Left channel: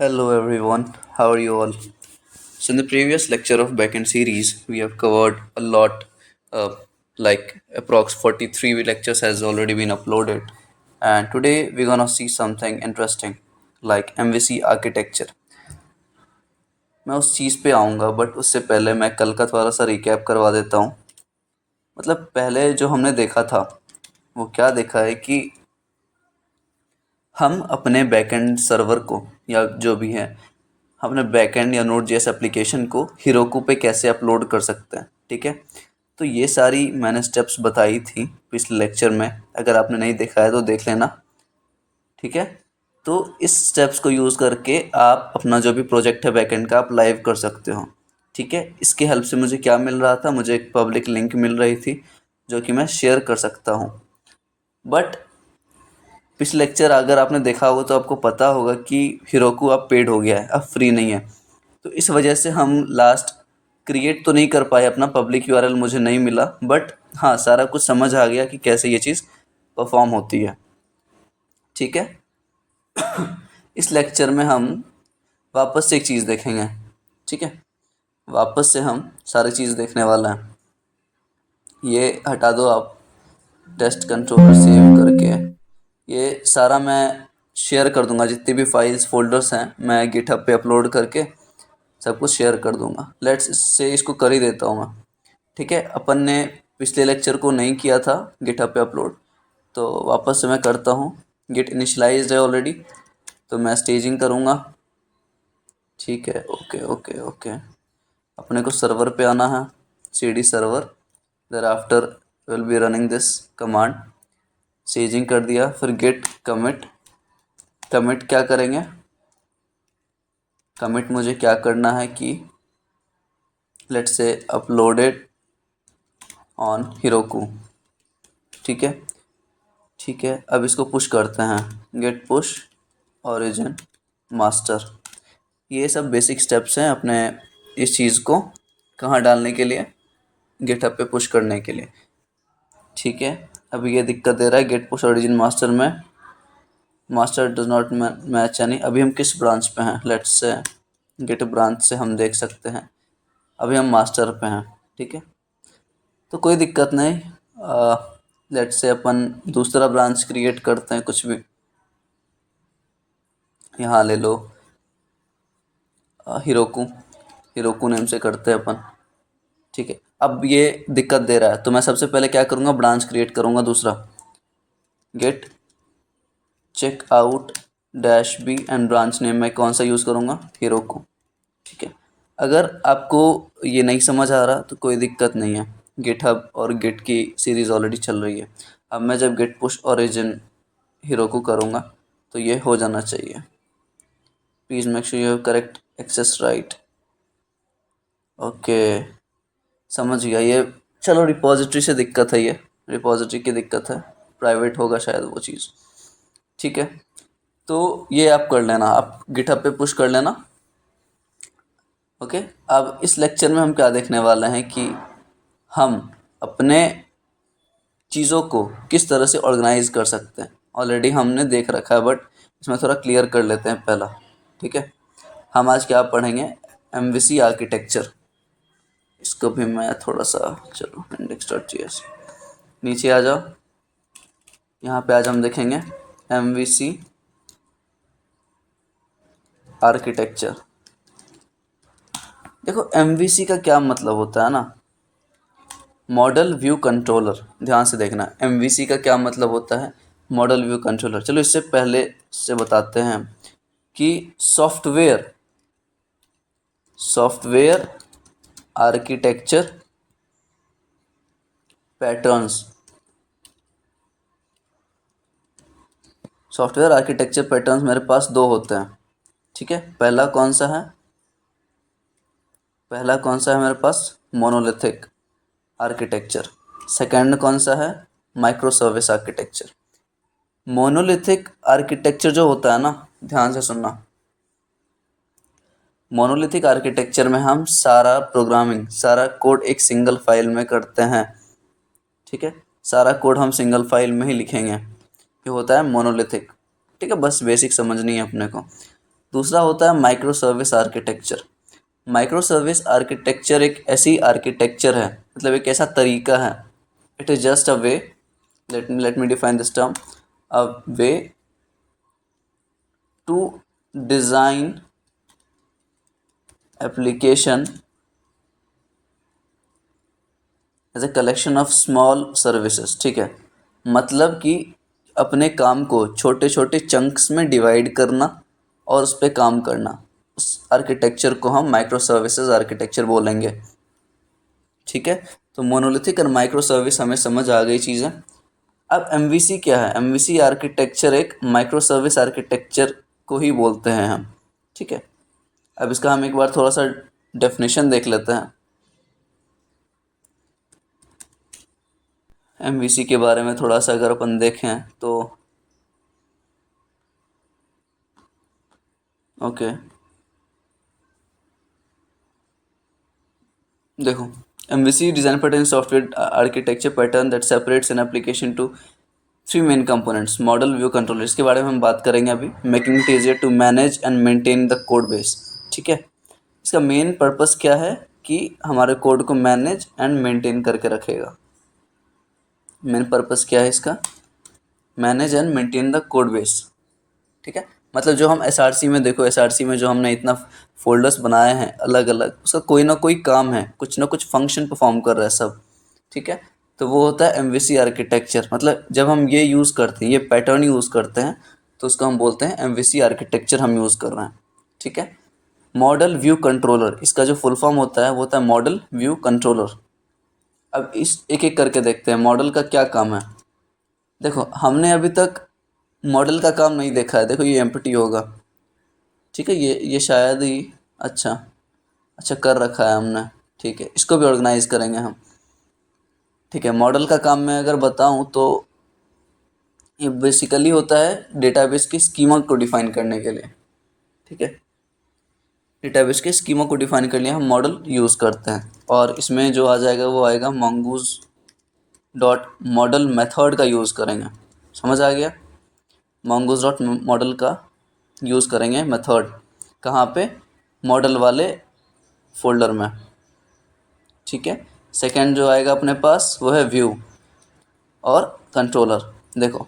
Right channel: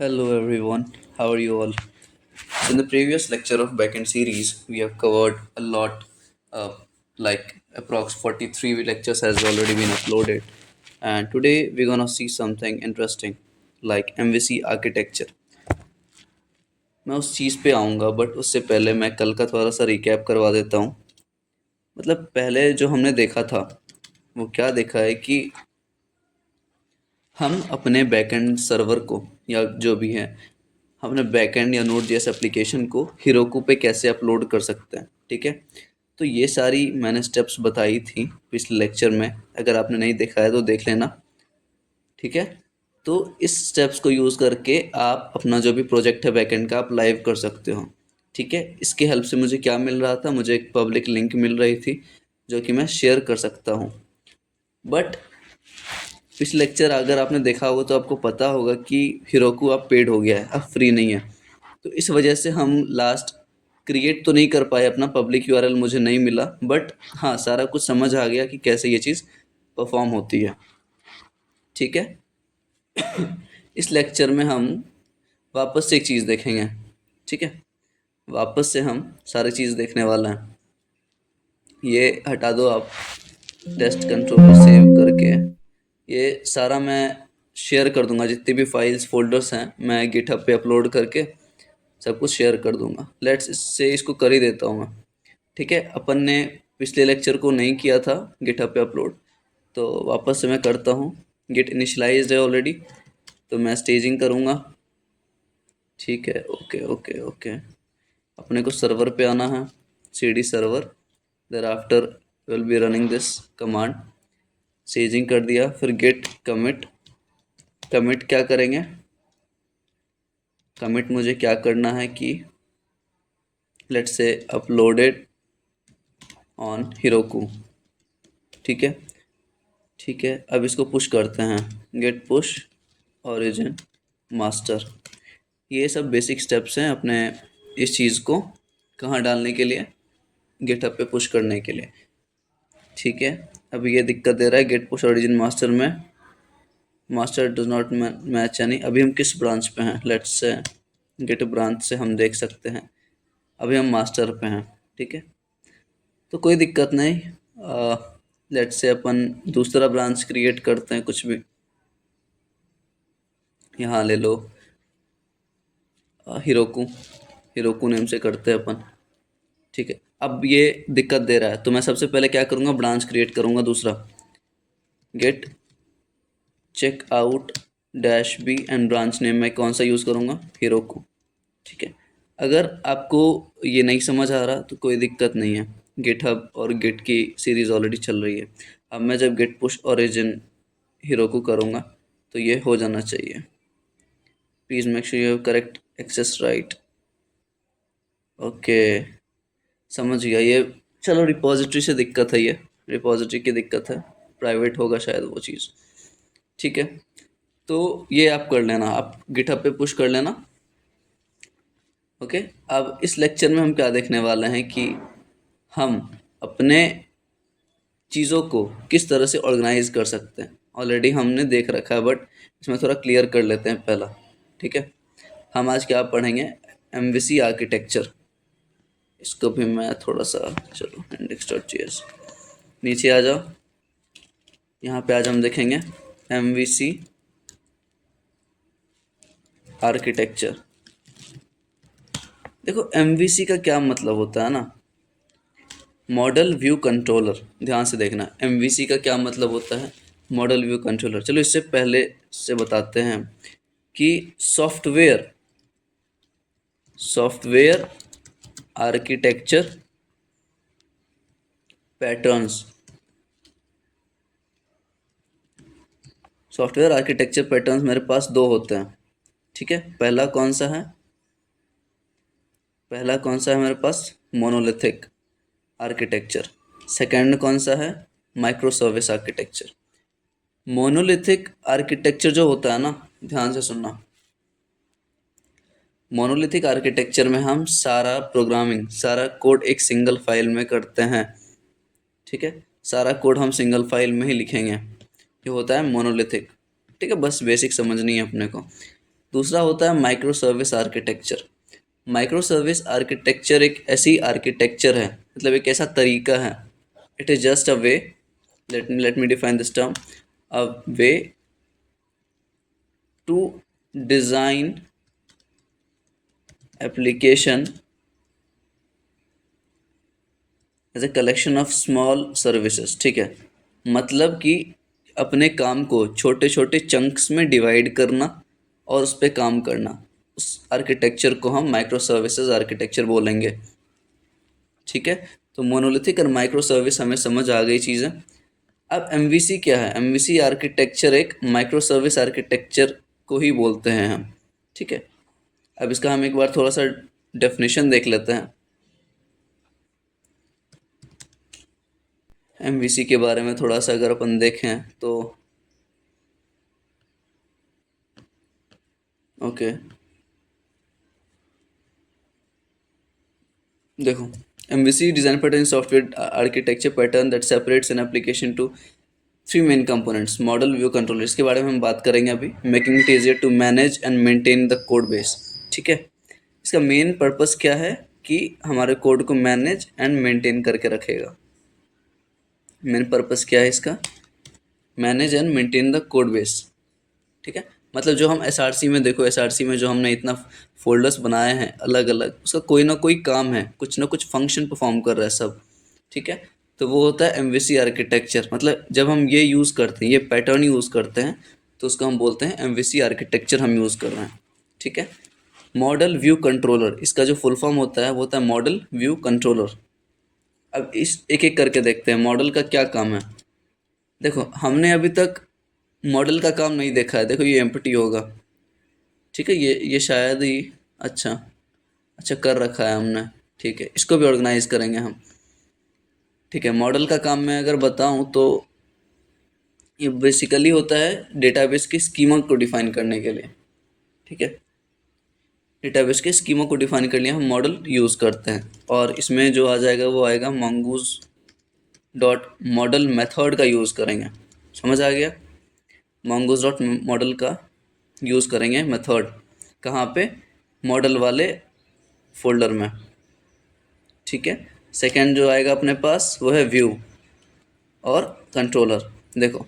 Hello everyone, how are you all? So in the previous lecture of backend series, we have covered a lot, like approx 43 lectures has already been uploaded, and today we're gonna see something interesting, like MVC architecture. मैं उस चीज़ पे आऊँगा but उससे पहले मैं कल का थोड़ा सा रिकैप करवा देता हूँ। मतलब पहले जो हमने देखा था वो क्या देखा है कि हम अपने बैकएंड सर्वर को या जो भी है हम अपने बैकएंड या नोड जेएस एप्लीकेशन को हिरोकू पे कैसे अपलोड कर सकते हैं। ठीक है, तो ये सारी मैंने स्टेप्स बताई थी पिछले लेक्चर में। अगर आपने नहीं देखा है तो देख लेना। ठीक है, तो इस स्टेप्स को यूज़ करके आप अपना जो भी प्रोजेक्ट है बैकएंड का आप लाइव कर सकते हो। ठीक है, इसके हेल्प से मुझे क्या मिल रहा था, मुझे एक पब्लिक लिंक मिल रही थी जो कि मैं शेयर कर सकता हूँ। बट पिछले लेक्चर अगर आपने देखा होगा तो आपको पता होगा कि हिरोकू अब पेड हो गया है, अब फ्री नहीं है। तो इस वजह से हम लास्ट क्रिएट तो नहीं कर पाए, अपना पब्लिक यूआरएल मुझे नहीं मिला, बट हाँ सारा कुछ समझ आ गया कि कैसे ये चीज़ परफॉर्म होती है। ठीक है, इस लेक्चर में हम वापस से एक चीज़ देखेंगे। ठीक है, वापस से हम सारी चीज़ देखने वाला हैं। ये हटा दो आप, टेस्ट कंट्रोलर सेव करके ये सारा मैं शेयर कर दूंगा। जितनी भी फाइल्स फोल्डर्स हैं मैं गिटहब पे अपलोड करके सब कुछ शेयर कर दूंगा। लेट्स इससे इसको कर ही देता हूँ मैं। ठीक है, अपन ने पिछले लेक्चर को नहीं किया था गिटहब पे अपलोड, तो वापस से मैं करता हूँ। गिट इनिशलाइज्ड है ऑलरेडी, तो मैं स्टेजिंग करूँगा। ठीक है, ओके ओके ओके। अपने को सर्वर पे आना है, cd server. There after will be running this command. Staging कर दिया, फिर गेट कमिट। कमिट क्या करेंगे, कमिट मुझे क्या करना है कि let's say uploaded on Heroku. ठीक है, ठीक है, अब इसको पुश करते हैं। Git push origin master. ये सब बेसिक स्टेप्स हैं अपने इस चीज़ को कहाँ डालने के लिए, गिटहब पे पुश करने के लिए। ठीक है, अब ये दिक्कत दे रहा है गेट पुश ओरिजिन मास्टर में, मास्टर डज नॉट मैच यानी अभी हम किस ब्रांच पे हैं। लेट्स से गेट ब्रांच से हम देख सकते हैं अभी हम मास्टर पे हैं। ठीक है, तो कोई दिक्कत नहीं। लेट्स से अपन दूसरा ब्रांच क्रिएट करते हैं, कुछ भी यहाँ ले लो। हिरोकू, हिरोकू नेम से करते हैं अपन। ठीक है, अब ये दिक्कत दे रहा है तो मैं सबसे पहले क्या करूँगा, ब्रांच क्रिएट करूँगा दूसरा। Git check out dash B and branch name मैं कौन सा यूज़ करूँगा, हिरोकू। ठीक है, अगर आपको ये नहीं समझ आ रहा तो कोई दिक्कत नहीं है, गिटहब और गिट की सीरीज़ ऑलरेडी चल रही है। अब मैं जब गेट पुश ओरिजिन हिरोकू करूँगा तो ये हो जाना चाहिए। Please make sure you have correct access right. Okay, समझ गया ये। चलो, रिपॉजिटरी से दिक्कत है, ये रिपॉजिटरी की दिक्कत है, प्राइवेट होगा शायद वो चीज़। ठीक है, तो ये आप कर लेना, आप गिटहब पे पुश कर लेना। ओके, अब इस लेक्चर में हम क्या देखने वाले हैं कि हम अपने चीज़ों को किस तरह से ऑर्गेनाइज कर सकते हैं। ऑलरेडी हमने देख रखा है बट इसमें थोड़ा क्लियर कर लेते हैं पहला। ठीक है, हम आज क्या पढ़ेंगे, एमवीसी आर्किटेक्चर। इसको भी मैं थोड़ा सा, चलो index.js नीचे आ जाओ। यहाँ पे आज हम देखेंगे एमवीसी आर्किटेक्चर। देखो एमवीसी का क्या मतलब होता है ना, मॉडल व्यू कंट्रोलर। ध्यान से देखना, एमवीसी का क्या मतलब होता है, मॉडल व्यू कंट्रोलर। चलो इससे पहले से बताते हैं कि software, software architecture patterns, software architecture patterns मेरे पास दो होते हैं। ठीक है, पहला कौन सा है, पहला कौन सा है मेरे पास, मोनोलिथिक आर्किटेक्चर। सेकंड कौन सा है, micro service architecture. Monolithic architecture जो होता है ना, ध्यान से सुनना, मोनोलिथिक आर्किटेक्चर में हम सारा प्रोग्रामिंग, सारा कोड एक सिंगल फाइल में करते हैं। ठीक है, सारा कोड हम सिंगल फाइल में ही लिखेंगे, ये होता है मोनोलिथिक। ठीक है, बस बेसिक समझनी है अपने को। दूसरा होता है micro service architecture. Micro service architecture एक ऐसी आर्किटेक्चर है, मतलब एक ऐसा तरीका है, it is just a way, let me define this term, a way to design application as a collection of small services. ठीक है, मतलब कि अपने काम को छोटे छोटे चंक्स में डिवाइड करना और उस पर काम करना, उस आर्किटेक्चर को हम माइक्रो सर्विसेज आर्किटेक्चर बोलेंगे। ठीक है, तो मोनोलिथिक और माइक्रो सर्विस हमें समझ आ गई चीज़ें। अब एमवीसी क्या है? एमवीसी आर्किटेक्चर एक माइक्रो सर्विस आर्किटेक्चर को ही बोलते हैं हम। ठीक है, अब इसका हम एक बार थोड़ा सा डेफिनेशन देख लेते हैं। एमवीसी के बारे में थोड़ा सा अगर अपन देखें तो ओके, देखो, MVC design pattern software architecture pattern that separates an application to three main components, model, view, controller. इसके बारे में हम बात करेंगे अभी। Making it easier to manage and maintain the code base. ठीक है, इसका मेन पर्पस क्या है कि हमारे कोड को मैनेज एंड मेंटेन करके रखेगा। मेन पर्पस क्या है इसका? Manage and maintain the code base. ठीक है, मतलब जो हम एसआरसी में, देखो एसआरसी में जो हमने इतना फोल्डर्स बनाए हैं अलग अलग, उसका कोई ना कोई काम है, कुछ ना कुछ फंक्शन परफॉर्म कर रहा है सब। ठीक है, तो वो होता है एमवीसी आर्किटेक्चर। मतलब जब हम ये यूज़ करते हैं, ये पैटर्न यूज़ करते हैं, तो उसको हम बोलते हैं एमवीसी आर्किटेक्चर हम यूज़ कर रहे हैं। ठीक है, मॉडल व्यू कंट्रोलर, इसका जो फुल फॉर्म होता है वो होता है मॉडल व्यू कंट्रोलर। अब इस एक एक करके देखते हैं मॉडल का क्या काम है। देखो, हमने अभी तक मॉडल का काम नहीं देखा है। देखो ये एम्प्टी होगा। ठीक है, ये शायद ही, अच्छा अच्छा कर रखा है हमने। ठीक है, इसको भी ऑर्गेनाइज करेंगे हम। ठीक है, मॉडल का काम मैं अगर बताऊं तो ये बेसिकली होता है डेटाबेस की स्कीमा को डिफाइन करने के लिए। ठीक है, डेटाबेस के स्कीमा को डिफाइन करने लिए हम मॉडल यूज़ करते हैं, और इसमें जो आ जाएगा वो आएगा mongoose डॉट मॉडल मेथड का यूज़ करेंगे। समझ आ गया? mongoose डॉट मॉडल का यूज़ करेंगे मेथड, कहाँ पे? मॉडल वाले फोल्डर में। ठीक है, सेकंड जो आएगा अपने पास वो है व्यू और कंट्रोलर। देखो,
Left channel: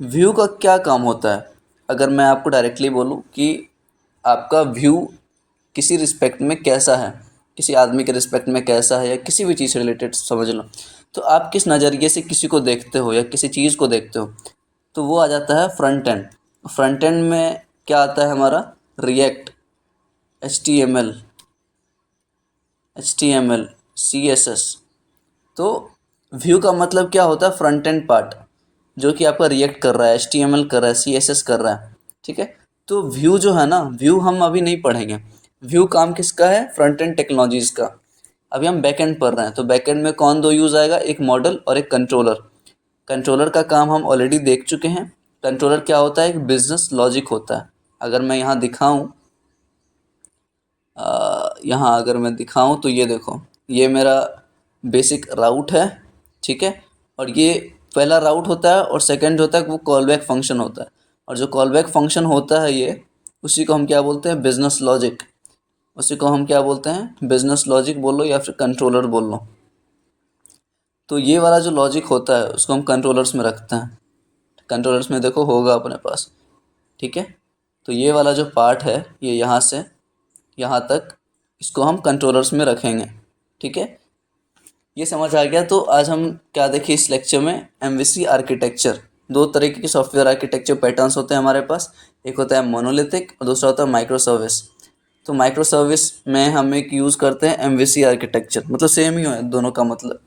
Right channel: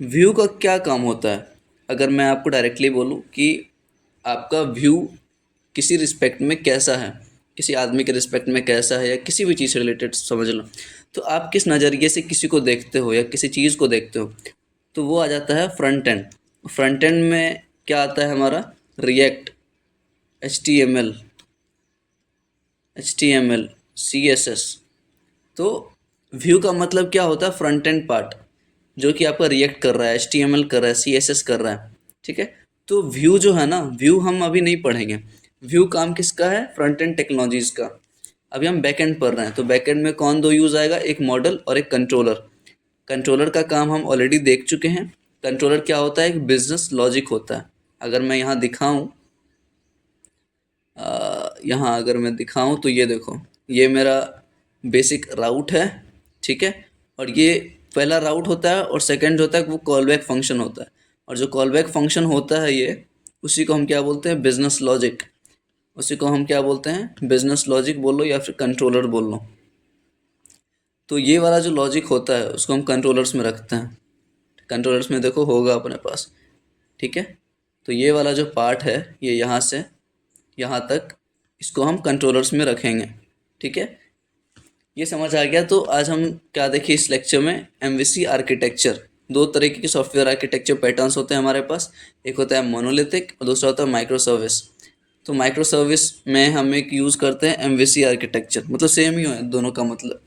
व्यू का क्या काम होता है? अगर मैं आपको डायरेक्टली बोलूँ कि आपका व्यू किसी रिस्पेक्ट में कैसा है, किसी आदमी के रिस्पेक्ट में कैसा है, या किसी भी चीज़ से रिलेटेड समझ लो, तो आप किस नज़रिए से किसी को देखते हो या किसी चीज़ को देखते हो, तो वो आ जाता है फ्रंट एंड। फ्रंट एंड में क्या आता है हमारा? React, HTML, CSS। तो व्यू का मतलब क्या होता है? फ्रंट एंड पार्ट, जो कि आपका रिएक्ट कर रहा है, HTML कर रहा है, CSS कर रहा है। ठीक है, तो व्यू जो है ना, व्यू हम अभी नहीं पढ़ेंगे। व्यू काम किसका है? फ्रंट एंड टेक्नोलॉजीज का। अभी हम बैक एंड पढ़ रहे हैं, तो बैक एंड में कौन दो यूज़ आएगा? एक मॉडल और एक कंट्रोलर। कंट्रोलर का काम हम ऑलरेडी देख चुके हैं। कंट्रोलर क्या होता है? एक बिजनेस लॉजिक होता है। अगर मैं यहाँ दिखाऊँ, यहाँ अगर मैं दिखाऊं तो ये देखो, ये मेरा बेसिक राउट है। ठीक है, और ये पहला राउट होता है, और सेकंड होता है वो कॉल बैक फंक्शन होता है। और जो कॉल बैक फंक्शन होता है ये, उसी को हम क्या बोलते हैं? Business logic. उसी को हम क्या बोलते हैं? बिजनेस लॉजिक बोल लो या फिर कंट्रोलर बोल लो। तो ये वाला जो लॉजिक होता है उसको हम कंट्रोलर्स में रखते हैं। कंट्रोलर्स में देखो होगा अपने पास। ठीक है, तो ये वाला जो पार्ट है, ये यहाँ से यहाँ तक, इसको हम कंट्रोलर्स में रखेंगे। ठीक है, ये समझ आ गया। तो आज हम क्या देखें इस लेक्चर में? MVC architecture. दो तरीके के सॉफ्टवेयर आर्किटेक्चर पैटर्न्स होते हैं हमारे पास। एक होता है मोनोलिथिक और दूसरा होता है माइक्रो सर्विस। तो माइक्रो सर्विस में हम एक यूज़ करते हैं एमवीसी आर्किटेक्चर, मतलब सेम ही है दोनों का मतलब।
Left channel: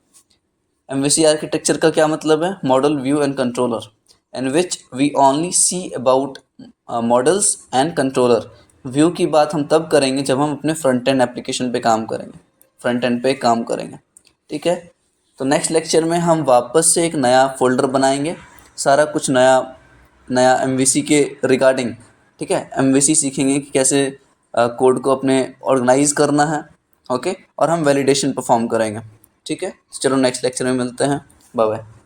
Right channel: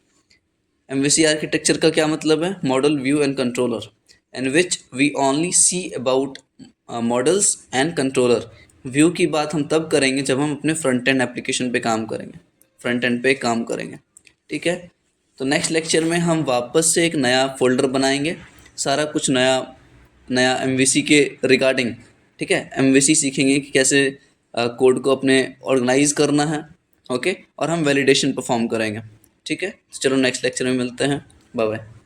एमवीसी आर्किटेक्चर का क्या मतलब है? Model, view and controller, in which we only see about models and controller. View की बात हम तब करेंगे जब हम अपने फ्रंट एंड एप्लीकेशन पे काम करेंगे, फ्रंट एंड पे काम करेंगे। ठीक है, तो नेक्स्ट लेक्चर में हम वापस से एक नया फोल्डर बनाएंगे, सारा कुछ नया नया एमवीसी के रिगार्डिंग। ठीक है, एमवीसी सीखेंगे कि कैसे कोड को अपने ऑर्गेनाइज करना है। ओके, और हम वैलिडेशन परफॉर्म करेंगे। ठीक है, चलो नेक्स्ट लेक्चर में मिलते हैं। Bye bye.